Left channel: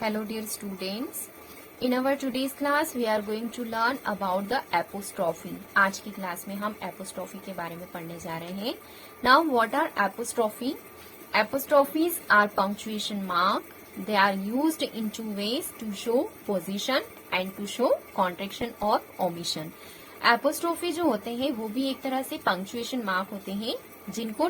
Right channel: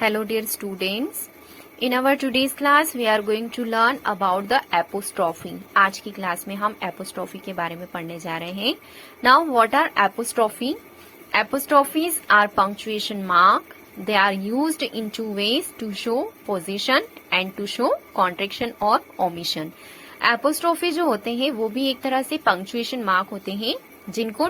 Hello dear students. In our today's class we are going to learn about the apostrophe. आज की class में हम apostrophe के बारे में पढ़ने जा रहे हैं. Now what are apostrophe? Apostrophes are punctuation mark. They are used in two ways to show position and to show contraction or omission. Apostrophe जो होते हैं वो भी एक तरह से punctuation mark होते हैं जिनको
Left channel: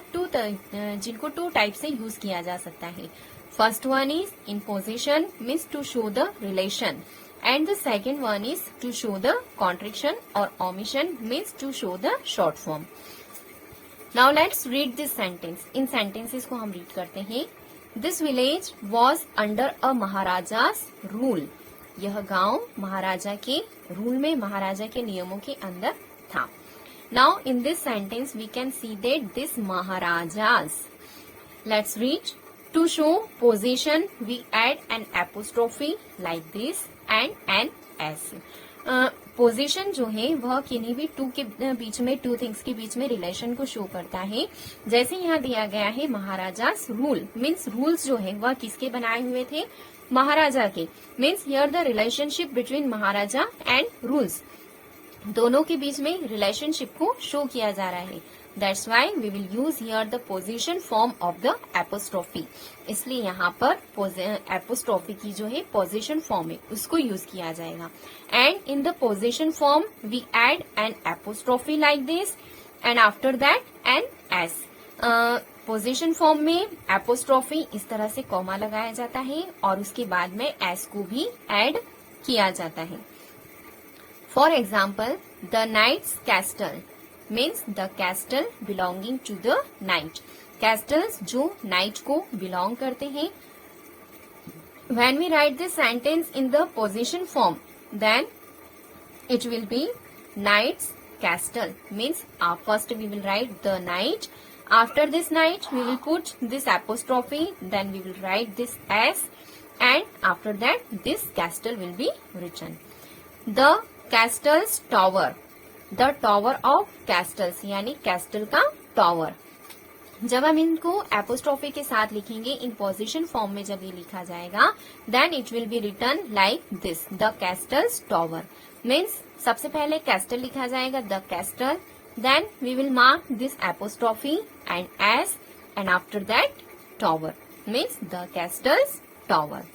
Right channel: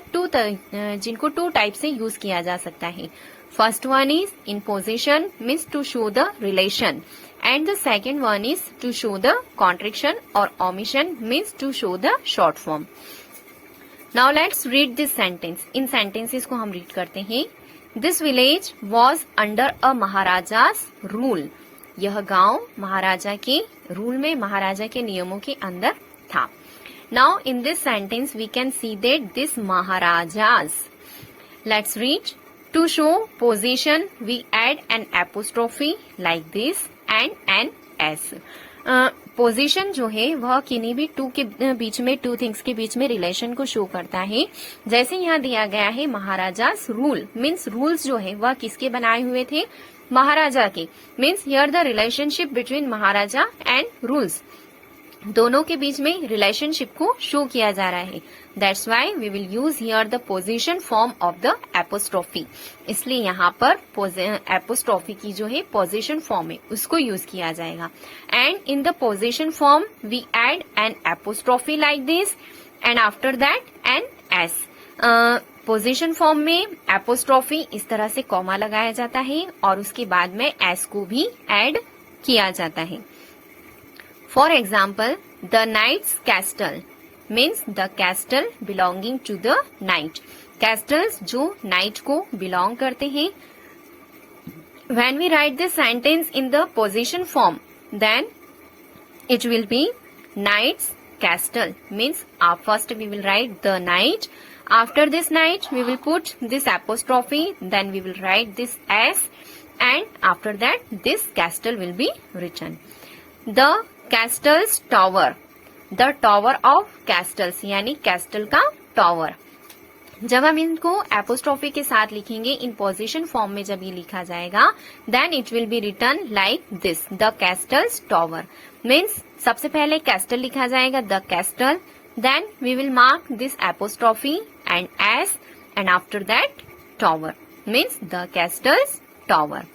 टू टाइप से यूज किया जा सकता है. First one is in position means to show the relation and the second one is to show the contraction or omission means to show the short form. Now let's read this sentence. In sentences को हम read करते हैं. This village was under a Maharaja's rule. यह गांव महाराजा के rule में, महाराजा के नियमों के अंदर था. Now in this sentence we can see that this Maharajas. Let's read. To show position, we add an apostrophe like this and an s. Position जो है वह किन्हीं भी टू के बीच में, टू थिंग्स के बीच में रिलेशन को शो करता है. जैसे यहाँ दिया गया है महाराजास रूल मीन्स रूल्स जो है वह किसके बनाए हुए थे, महाराजा के. Means here the relationship between Maharaja and rules, दोनों के बीच में रिलेशनशिप को शो किया जा रहा है. That's why we will use here the position form of the apostrophe. इसलिए यहाँ पर apostrophe की जो है position form है उसको यूज किया जाएगा. And in the position form we add an apostrophe like this and after that an s. Position form में apostrophe इस तरह से कॉमा लगाया जाता है और उसके बाद में s को भी ऐड किया जाता है. For example, the knight's castle means the castle belonging to the knight. Castles जो knight को belong करते हैं. When we write this sentence in the position form, then it will be knight's castle. Means first we will write the knight. After this knight, we will put this apostrophe. Then we will write this s, and after that, this castle will be written. The castle's tower. The tower of castles यानी castle का tower. जब हम इनको apostrophe के साथ लिखेंगे इन possession form में, जब ये लिखा जाएगा then it will be written like this, the castle's tower. Means सबसे पहले कैस्टल लिखा जाएगा, the castle, then we will mark this apostrophe and S and after that tower. Means the castle's tower.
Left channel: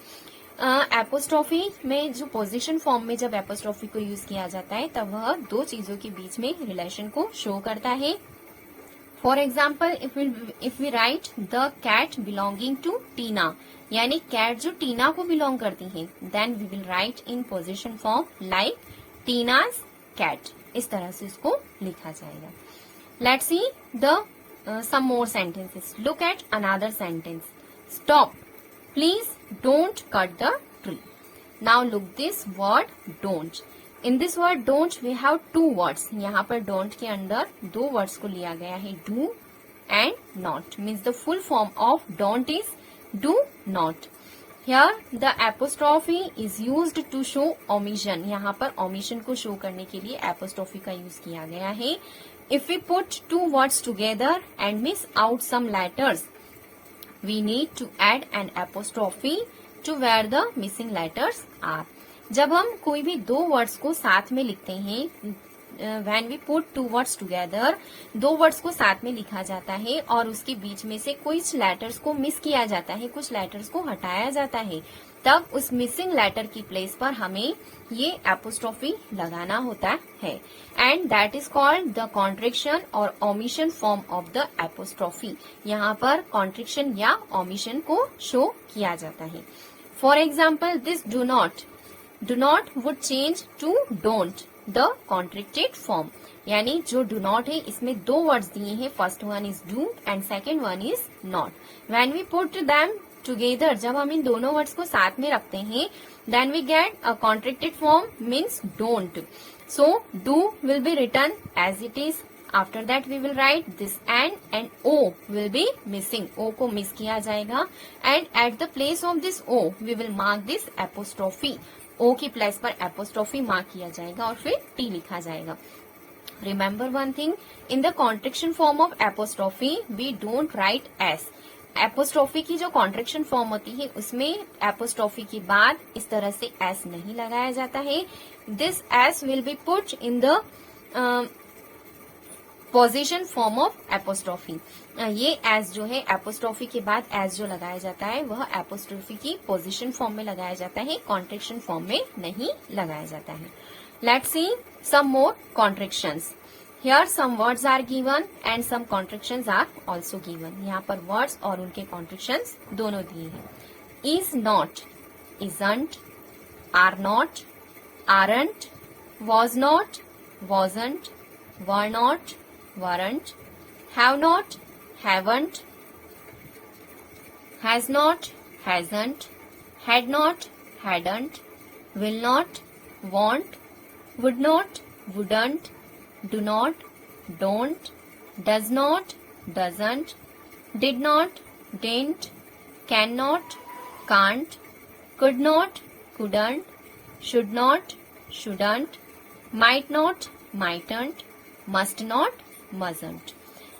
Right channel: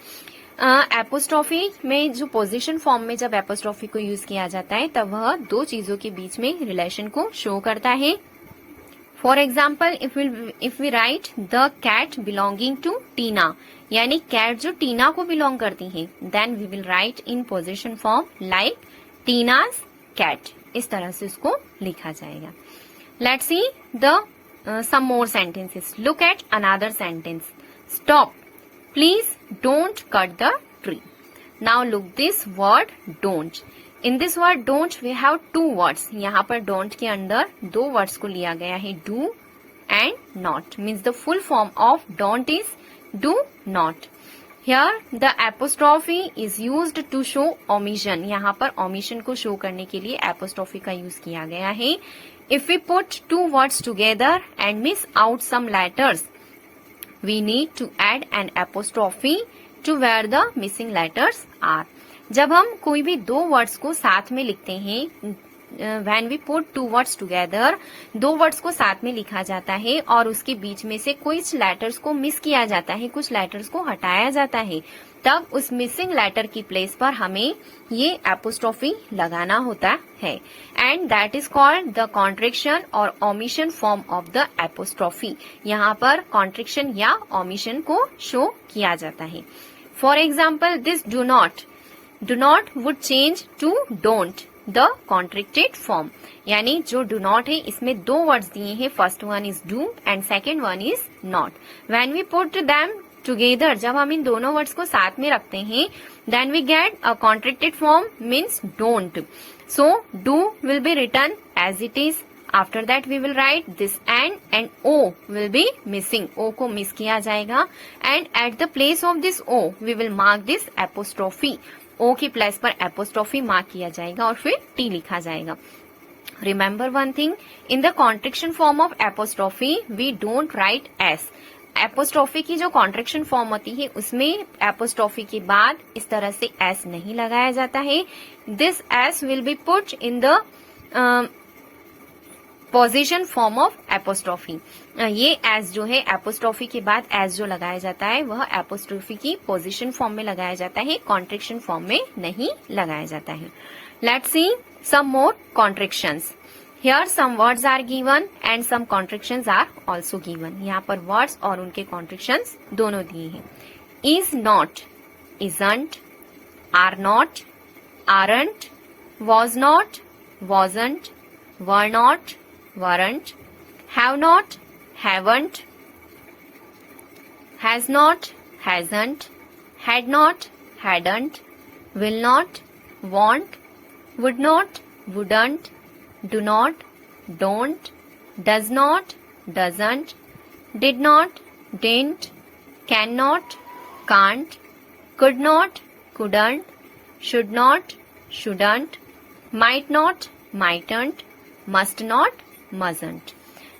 Apostrophe में जो position form में जब apostrophe को use किया जाता है तब वह दो चीजों के बीच में रिलेशन को शो करता है. For example if we write the cat belonging to Tina, यानी कैट जो टीना को बिलोंग करती है, then we will write in possession form like Tina's cat. इस तरह से इसको लिखा जाएगा. Let's see the some more sentences. Look at another sentence. Stop, please don't cut the tree. Now look this word don't. In this word don't we have two words. यहाँ पर don't के अंदर दो words को लिया गया है, do and not. Means the full form of don't is do not. Here the apostrophe is used to show omission. यहाँ पर omission को show करने के लिए apostrophe का use किया गया है. If we put two words together and miss out some letters, we need to add an apostrophe to where the missing letters are. जब हम कोई भी दो वर्ड्स को साथ में लिखते हैं, when we put two words together, दो वर्ड्स को साथ में लिखा जाता है और उसके बीच में से कुछ लेटर्स को मिस किया जाता है, कुछ लेटर्स को हटाया जाता है, तब उस मिसिंग लेटर की प्लेस पर हमें ये एपोस्ट्रोफी लगाना होता है. And that is called the contraction और omission form of the apostrophe. यहाँ पर कॉन्ट्रिक्शन या ओमिशन को शो किया जाता है. For example this do not would change to don't, the contracted form. यानी जो डू नॉट है इसमें दो वर्ड्स दिए हैं, first one is do and second one is not. When we put them together, जब हम इन दोनों वर्ड्स को साथ में रखते हैं, then we get a contracted form means don't. So do will be written as it is. After that we will write this and O will be missing, O को miss किया जाएगा and at the place of this O we will mark this apostrophe. O की place पर apostrophe mark किया जाएगा और फिर T लिखा जाएगा. Remember one thing, in the contraction form of apostrophe we don't write s. Apostrophe की जो कॉन्ट्रैक्शन फॉर्म होती है उसमें एपोस्ट्रोफी के बाद इस तरह से एस नहीं लगाया जाता है. This S will be put in the position form of apostrophe. ये एस जो है एपोस्ट्रोफी के बाद एस जो लगाया जाता है वह एपोस्ट्रोफी की पोजीशन फॉर्म में लगाया जाता है, कॉन्ट्रैक्शन फॉर्म में नहीं लगाया जाता है. Let's see some more contractions. Here some words are given and some contractions are also given. यहाँ पर words और उनके contractions दोनों दिए हैं. Is not, isn't, are not, aren't, was not, wasn't, were not, weren't, have not, haven't, has not, hasn't, had not, hadn't, will not, won't, would not, wouldn't, do not, don't, does not, doesn't, did not, didn't, cannot, can't, could not, couldn't, should not, shouldn't, might not, mightn't, must not, mustn't.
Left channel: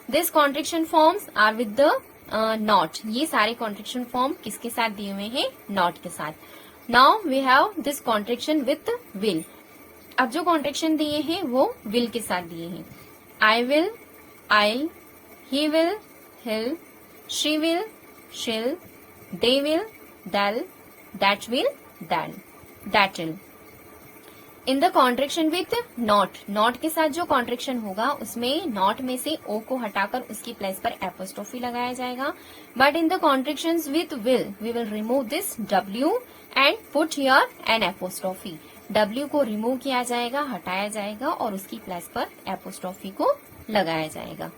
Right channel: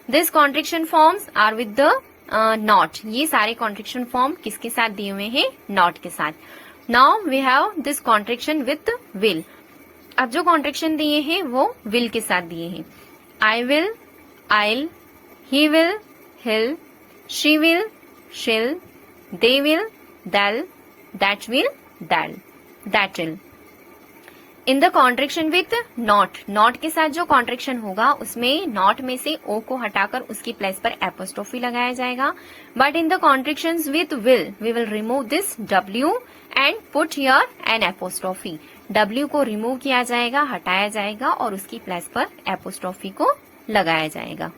These contraction forms are with the not. ये सारे contraction form किसके साथ दिए हुए हैं? Not के साथ. Now we have this contraction with will. अब जो कॉन्ट्रैक्शन दिए हैं वो विल के साथ दिए हैं. I will, I'll, he will, he'll, she will, she'll, they will, दैल, दैट विल, दैल, that will. In the contraction with not, not के साथ जो कॉन्ट्रैक्शन होगा उसमें नॉट में से ओ को हटाकर उसकी प्लेस पर एपोस्ट्रोफी लगाया जाएगा. But in the contraction with will we will remove this W and put here an apostrophe. W को रिमूव किया जाएगा, हटाया जाएगा और उसकी प्लेस पर एपोस्ट्रोफी को लगाया जाएगा.